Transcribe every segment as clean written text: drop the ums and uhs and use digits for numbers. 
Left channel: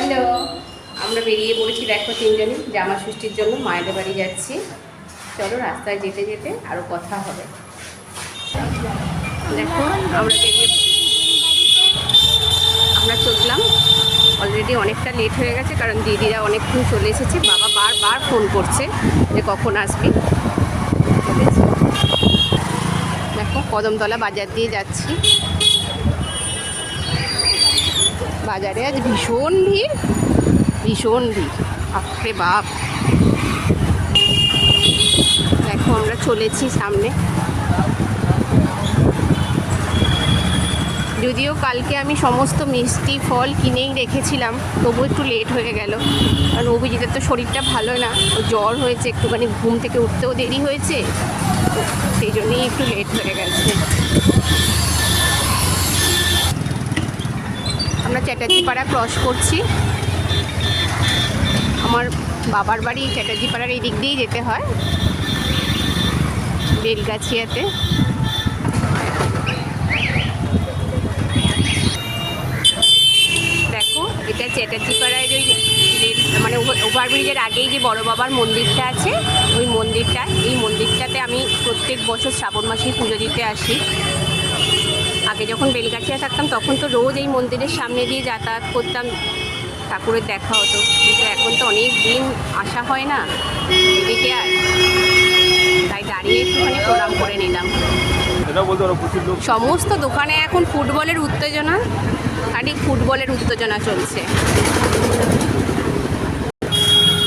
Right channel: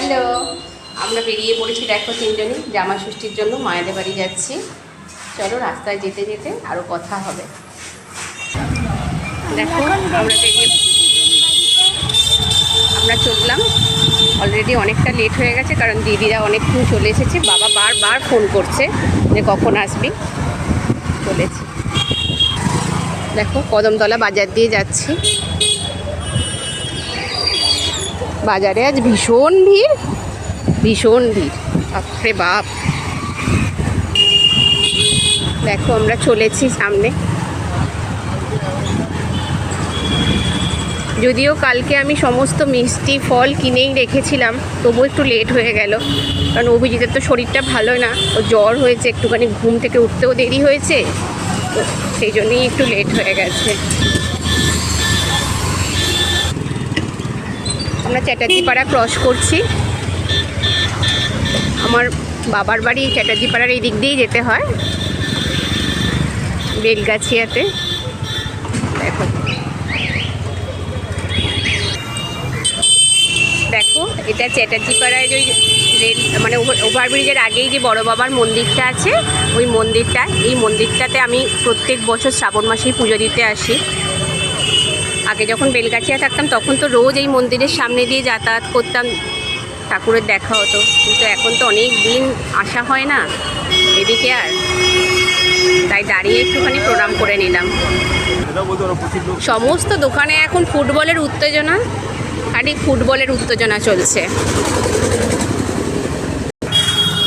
Hello, আমরা বেরিয়ে পড়েছি। দেখো তিনজনই জামা ষষ্ঠীর জন্য মায়েদের বাড়ি যাচ্ছি। চলো রাস্তায় যেতে যেতে আরও কথা হবে। দেখো আমরা চললাম। অলরেডি অনেকটা লেট হয়ে গেছে, কারণ দিদিরা অনেকক্ষণ চলে এসেছে। বাবা বারবার ফোন করছে যে কখন আসবি। চলেছে। দেখো কদমতলা বাজার দিয়ে যাচ্ছি। বাজারে আজ ভীষণ ভিড়, ভীষণ ভিড়, বাপরে বাপ। দেখো আমরা চলেছি সামনে। যদিও কালকে আমি সমস্ত মিষ্টি ফল কিনেই রেখেছিলাম, তবু একটু লেট হয়ে গেল, কারণ অভিজিতের তো শরীরটা ভালো না, ও জ্বর হয়েছে, একটুখানি ঘুম থেকে উঠতেও দেরি হয়েছে, তো সেই জন্যই একটু লেট হয়ে গেছে। আমরা চ্যাটার্জিপাড়া ক্রস করছি। আমার বাবার বাড়ি চ্যাটার্জিপাড়ার এই দিক দিয়েই যেতে হয়, বেলগাছিয়াতে। দেখো দেখো এটা চ্যাটার্জিপাড়ায় ওই রেল মানে ওভারব্রিজের আগেই যে বড় বাবার মন্দিরটা আছে, ওই মন্দিরটা। এই মন্দিরটাতে আমি প্রত্যেক বছর শ্রাবণ মাসেই পুজো দিতে আসি। আগে যখন বেলগাছিয়া থাকতাম তখন তো রোজ এই মন্দিরের সামনে দিয়ে যাতায়াত করতাম, ঠাকুরের দেখা হতো। কিন্তু এখন তো অনেক দিন আসা হয় না এদিকে, আর তাই দাঁড়িয়ে একটুখানি প্রণাম করে নিলাম। সমস্ত দোকানে এখন ফুটবলের উত্তেজনা, খালি ফুটবলের উত্তেজনা চলছে।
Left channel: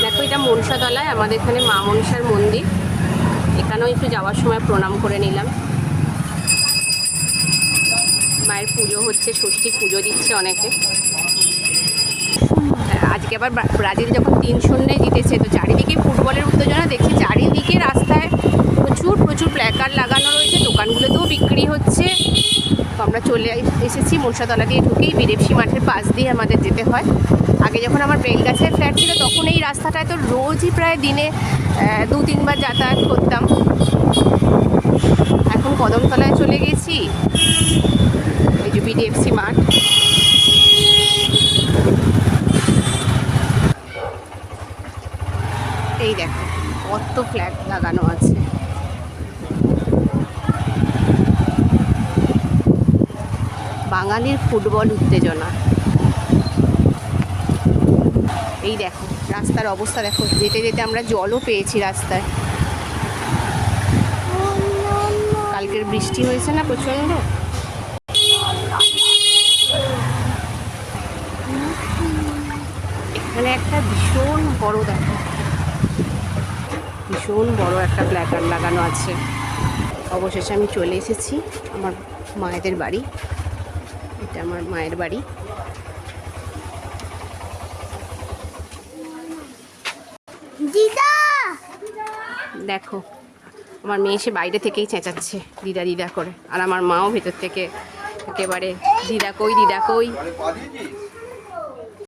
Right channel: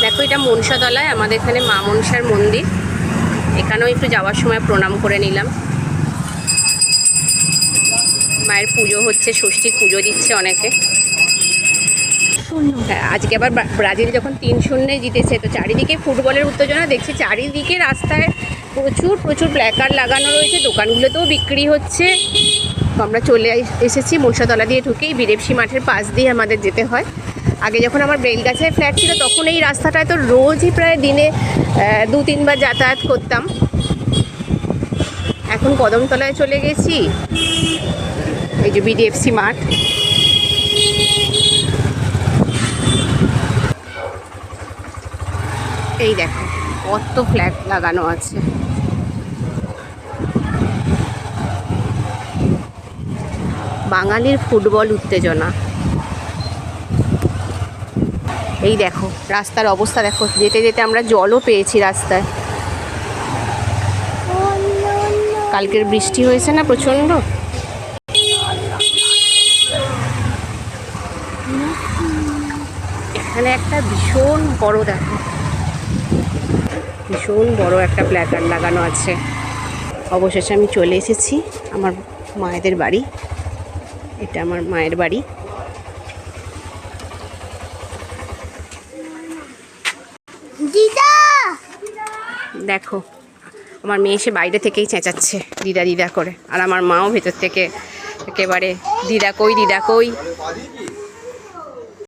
দেখো এটা মনসাতলায় আমাদের এখানে মা মনসার মন্দির, এখানেও একটু যাওয়ার সময় প্রণাম করে নিলাম। মায়ের পুজো হচ্ছে, ষষ্ঠীর পুজো দিচ্ছে অনেকে। আজকে আবার ব্রাজিল যখন 3-0 জিতেছে, তো চারিদিকে ফুটবলের উত্তেজনা দেখছি। চারিদিকে রাস্তায় প্রচুর প্রচুর প্ল্যাকার্ড লাগানো রয়েছে, দোকানগুলোতেও বিক্রি হচ্ছে। তো আমরা চলে এসেছি মনসাতলা দিয়ে ঢুকেই বীরেপসি মাঠের পাশ দিয়ে আমাদের যেতে হয়। আগে যখন আমার বেলগাছিয়ায় ফ্ল্যাট ছিল তখন এই রাস্তাটায় তো রোজই প্রায় দিনে 2-3 বার যাতায়াত করতাম। এখন কদমতলায় চলে গেছি, এই যে বিডিএফসি মাঠ। এই দেখো কত ফ্ল্যাগ লাগানো আছে। বাঙালির ফুটবল উত্তেজনা। এই দেখো রাস্তার অবস্থা দেখো, যেতে যেতে আমরা জলও পেয়েছি রাস্তায়। কালকের বৃষ্টি হয়েছে না প্রচণ্ড। এখানে একটা ভীষণ বড়, দেখো ভীষণ বড় একটা প্ল্যাকার্ড লাগানো আছে। অবশেষে আমি চলে এসেছি আমার মায়েদের বাড়ি। এটা আমার মায়ের বাড়ি। দেখো আমার মেয়ে এসে বাইরে থেকেই চেঁচাচ্ছে দিদা দিদা করে, আর আমার মাও ভেতর থেকে একেবারে দিদা কই দিদা কই।